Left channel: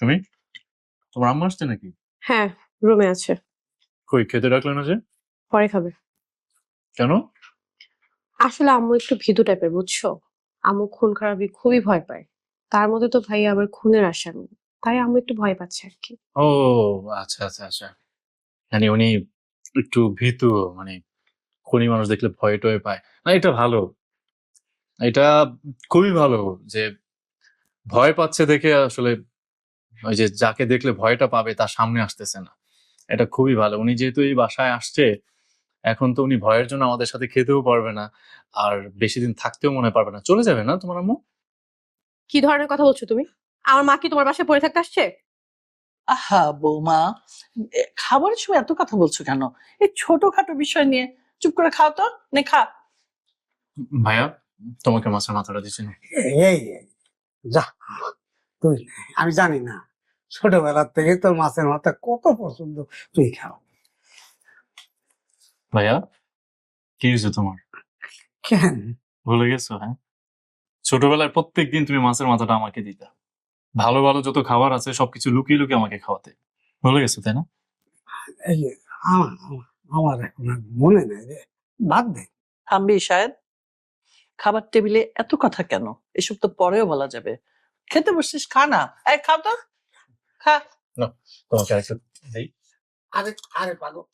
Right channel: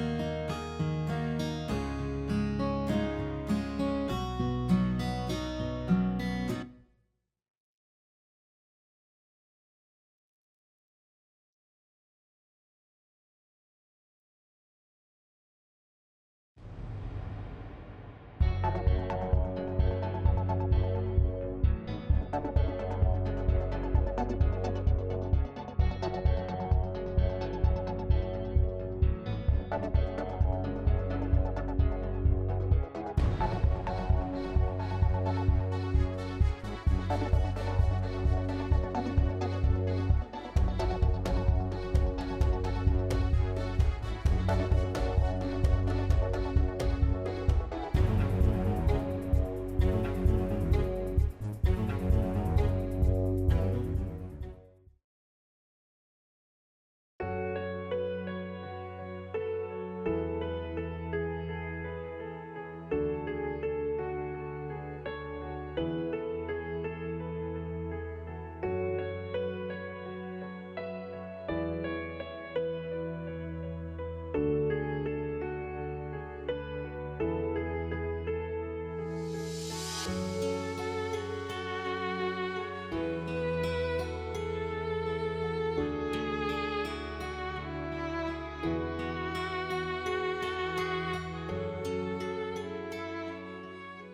তুমি তোমার আম্মা আসছে নাকি? হ্যাঁ, রুমে আছে। কই খেতে ডাকলে না যে? পরে খাবে। কেন? আসলে আম্মু একটু ভীতু টাইপের, বুঝছো? আম্মু খুন খারাপি খুবই ভয় পায়। তার মধ্যে তো ভাইয়া আবার খুনের আসামি। তাই আম্মু একটু ভয় পাচ্ছে আর কি। ও আচ্ছা আচ্ছা আচ্ছা। মানে উনি একটু ভীতু, মানে খুনি মানুষ দেখলে ভয় টয় পায় না। এটা ভালো, এটা খুবই ভালো যে ভয় পাচ্ছে দেখে আসলে ওই যে যাকে দেখলে ভয়টা পাবে তার সামনে আসতেছে না। এটা খুবই ভালো। উনি যেহেতু এই বাসায় আসছে, এখন তো উনি ভয়ের জন্য আমাদের সাথে খেতেও পারবে না, আর বেশি দিন থাকতেও মনে পারবে না। চলে যাবে না তোমার আম্মু? কি ধরনের কথা বলছো তুমি? আমার মা কি তোমার বাসায় পড়ে থাকতে আসছে? আহা বৌমা, খাবারের সময় এত কথা বলছো কেন? এই ছোটখাটো বিষয় নিয়ে চুপ করে খাও তো, নে খা। ভাইয়া, তোমাকে মাছের মাথাটা দিচ্ছি না। এই যা তুই, আমি জানি না ছোটবেলার থেকে তোর মাছের মাথা কত পছন্দ, তুই খাও। ভাইয়া, কি হয়েছে তোমার? কেন? ভুলে গেছো? হ্যাঁ, ছোটবেলায় প্রত্যেকদিন তুমি মাছের মাথাটা আমাকে দিতে, ভালো ভালো যত খাবার আছে সবকিছু লুকিয়ে লুকিয়ে আমাকে খাওয়াতে। ভুলে গেছো তাই না? এই যে আমার আমার এখন আর মনে নেই রে, বাদ দে। থামবি শায়দ, খাবার টেবিলে এত কথা কেন? এসব তো পরেও বলা যাবে। খেতে বসছিস, খা না। এই খাও তো, খা। তোমাকে আরেকটু দেই। আরে আরে পাগল,